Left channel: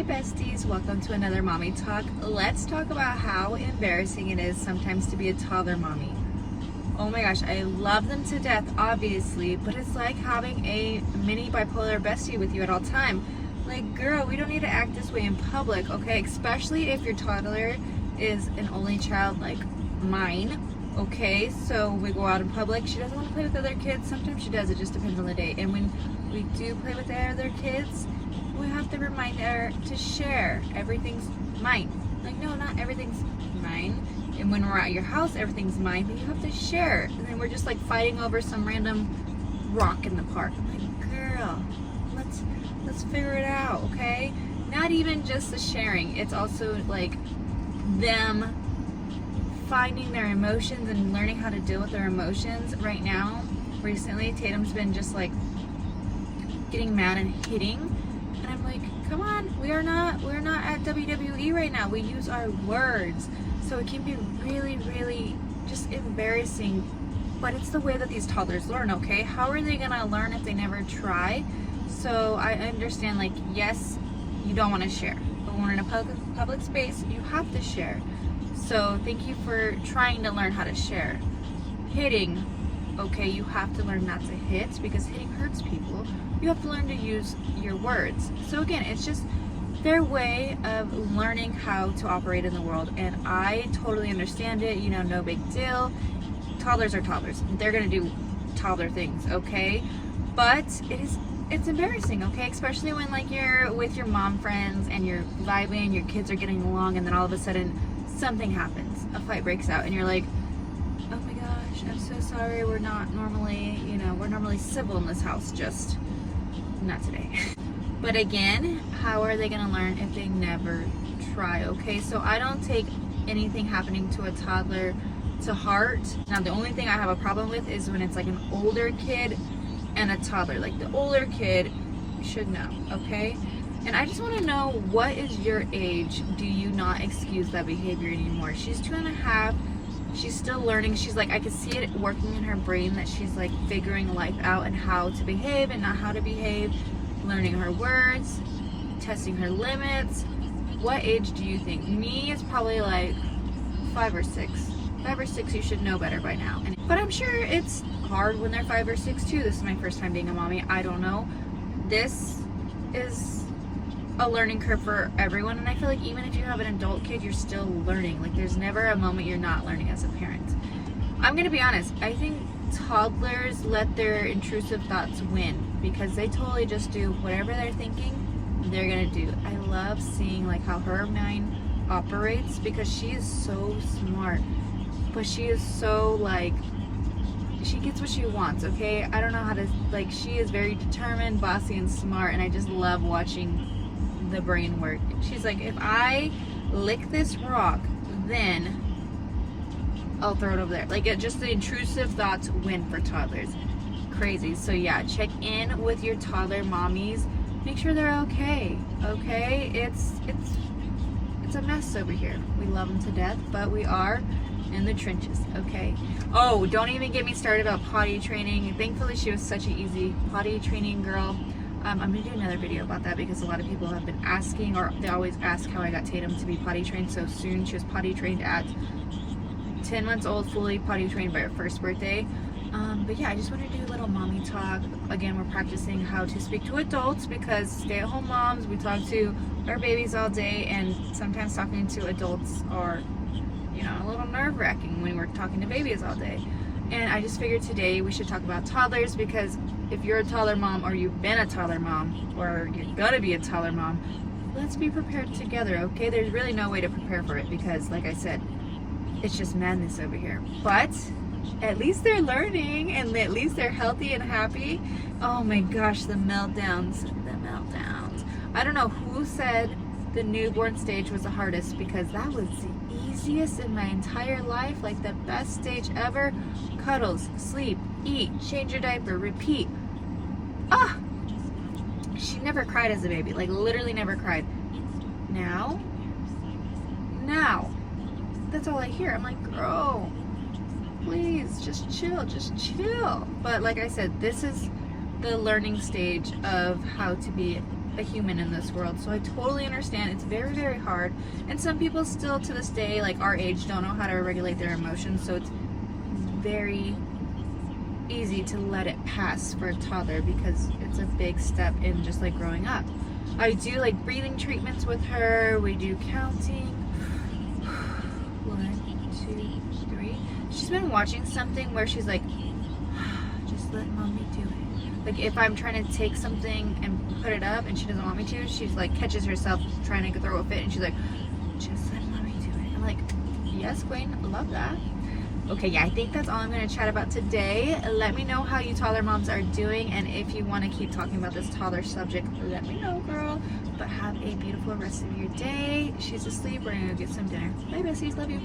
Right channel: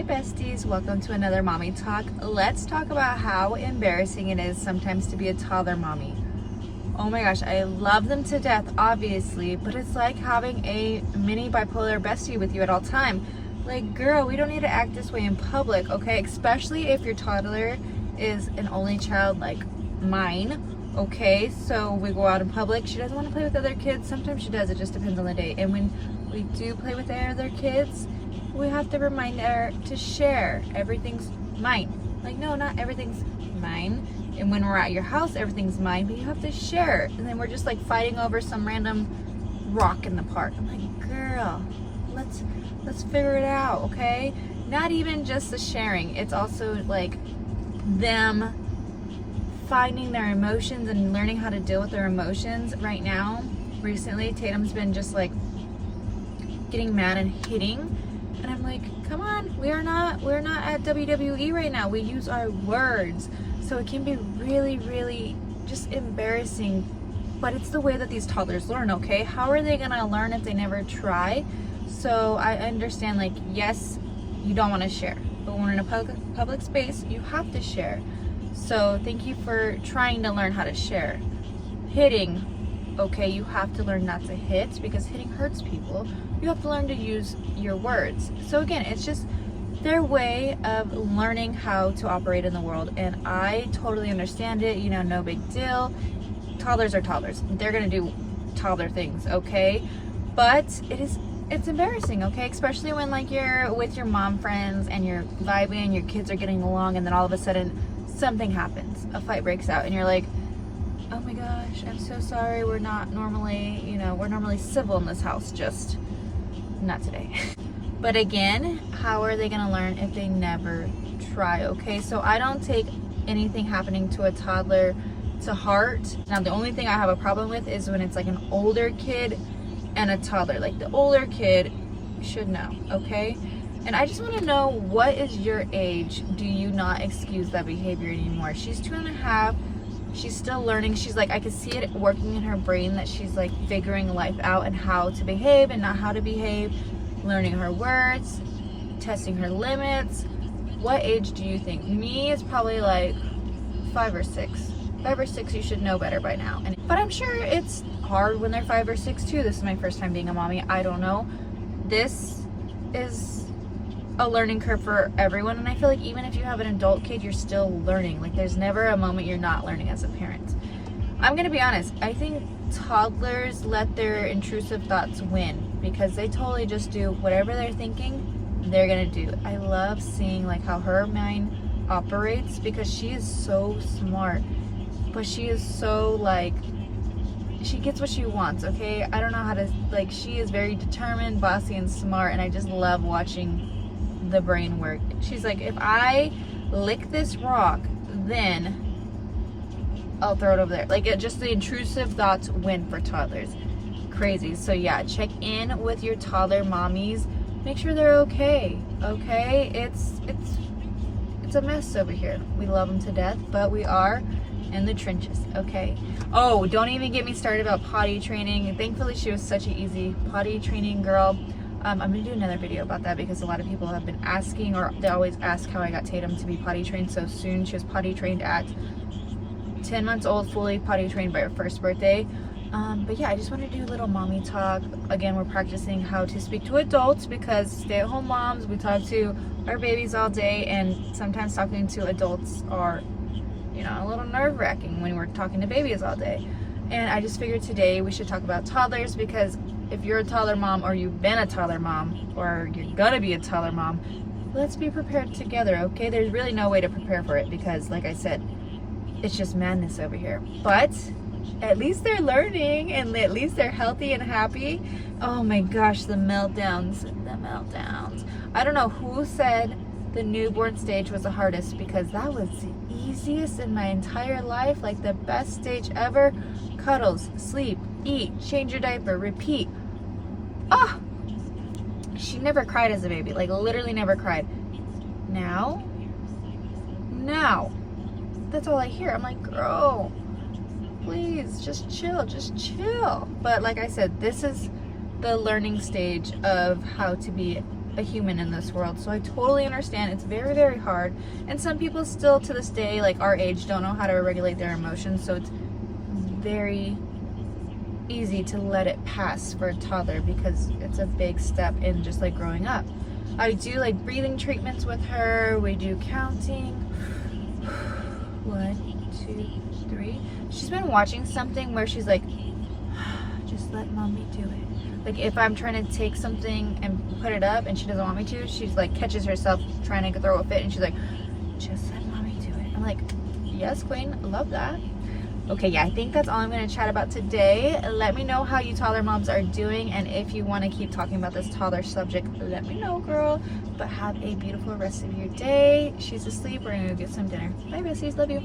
Hi besties, welcome to another mommy talk. Let's talk about how embarrassing it is sometimes to be a toddler mommy. Oh my gosh, I love them to death, obviously, but it's like having a mini bipolar bestie with you at all time. Like, girl, we don't need to act this way in public, okay? Especially if your toddler is an only child like mine, okay? So we go out in public, she doesn't want to play with other kids. Sometimes she does, it just depends on the day. And when we do play with other kids, we have to remind her to share. Everything's mine. Like, no, not everything's mine. And when we're at your house, everything's mine, but you have to share. And then we're just like fighting over some random rock in the park. I'm like, girl, let's figure it out, okay? Not even just the sharing. It's also like them finding their emotions and learning how to deal with their emotions. Right now, recently, Tatum's been just like getting mad and hitting. And I'm like, come on, we're not at WWE right now. We use our words. So it can be really, really just embarrassing. But it's the way that these toddlers learn, okay? How are they gonna learn if they never try? So I understand, like, yes, you don't wanna share. But when we're in a public space, you have to share. So thank you for trying to learn how to share. Hitting, okay, you have to learn not to hit because hitting hurts people. You have to learn to use your words. So again, it's just their way of learning how to operate in the world. And I totally understand it, you know, no big deal. Toddlers are toddlers. They're gonna do toddler things, okay? But it's embarrassing, okay? Especially when like you're with your mom friends and you're vibing, your kids are getting along, and then all of a sudden something happens, a fight breaks out, and you're like, oh my gosh, I'm so sorry, we're not normally, you know, we're normally civil in this house, just not today. But again, how are they gonna learn if they never try, okay? So I don't take anything happening to a toddler to heart. Now, the only thing I have a problem with is when it's like an older kid and a toddler. Like, the older kid should know, okay? And I just want to know, what is your age? Do you not excuse that behavior anymore? She's 2.5. She's still learning. She's like, I can see it working in her brain that she's like figuring life out and how to behave and not how to behave, learning her words, testing her limits. What age do you think? Me, it's probably like 5 or 6. 5 or 6, you should know better by now. But I'm sure it's hard when they're 5 or 6 too. This is my first time being a mommy. I don't know. This is a learning curve for everyone, and I feel like even if you have an adult kid, you're still learning. Like, there's never a moment you're not learning as a parent. I'm gonna be honest, I think toddlers let their intrusive thoughts win because they totally just do whatever they're thinking, they're gonna do. I love seeing like how her mind operates because she is so smart, but she is so like, she gets what she wants, okay? I don't know how to, like, she is very determined, bossy, and smart, and I just love watching the brain work. She's like, if I lick this rock, then I'll throw it over there. Like, just the intrusive thoughts win for toddlers. Crazy. So yeah, check in with your toddler mommies. Make sure they're okay. Okay? It's a mess over here. We love them to death, but we are in the trenches, okay? Oh, don't even get me started about potty training. Thankfully, she was such an easy potty training girl. I'm gonna do another video about that because a lot of people have been asking, or they always ask how I got Tatum to be potty trained so soon. She was potty trained at 10 months old, fully potty trained by her first birthday. But yeah, I just want to do a little mommy talk. Again, we're practicing how to speak to adults because stay-at-home moms, we talk to our babies all day, and sometimes talking to adults are, you know, a little nerve-wracking when we're talking to babies all day. And I just figured today we should talk about toddlers because if you're a toddler mom, or you've been a toddler mom, or you're gonna be a toddler mom, let's be prepared together, okay? There's really no way to prepare for it because, like I said, it's just madness over here. But at least they're learning, and at least they're healthy and happy. Oh my gosh, the meltdowns. The meltdowns. I don't know who said the newborn stage was the hardest because that was the easiest in my entire life. Like, the best stage ever. Cuddles, sleep, eat, change your diaper, repeat. Ah! She never cried as a baby. Like, literally never cried. Now, that's all I hear. I'm like, girl, please, just chill. But like I said, this is the learning stage of how to be a human in this world. So I totally understand. It's very, very hard. And some people still to this day, like our age, don't know how to regulate their emotions. So it's very easy to let it pass for a toddler because it's a big step in just like growing up. I do like breathing treatments with her. We do counting. 1, 2, 3. She's been watching something where she's like, just let mommy do it. Like if I'm trying to take something and put it up and she doesn't want me to, she's like catches herself trying to throw a fit and she's like, just let mommy do it. I'm like, yes, queen, love that. Okay, yeah, I think that's all I'm going to chat about today. Let me know how you toddler moms are doing, and if you want to keep talking about this toddler subject, let me know, girl. But have a beautiful rest of your day. She's asleep. We're going to go get some dinner. Bye, besties. Love you.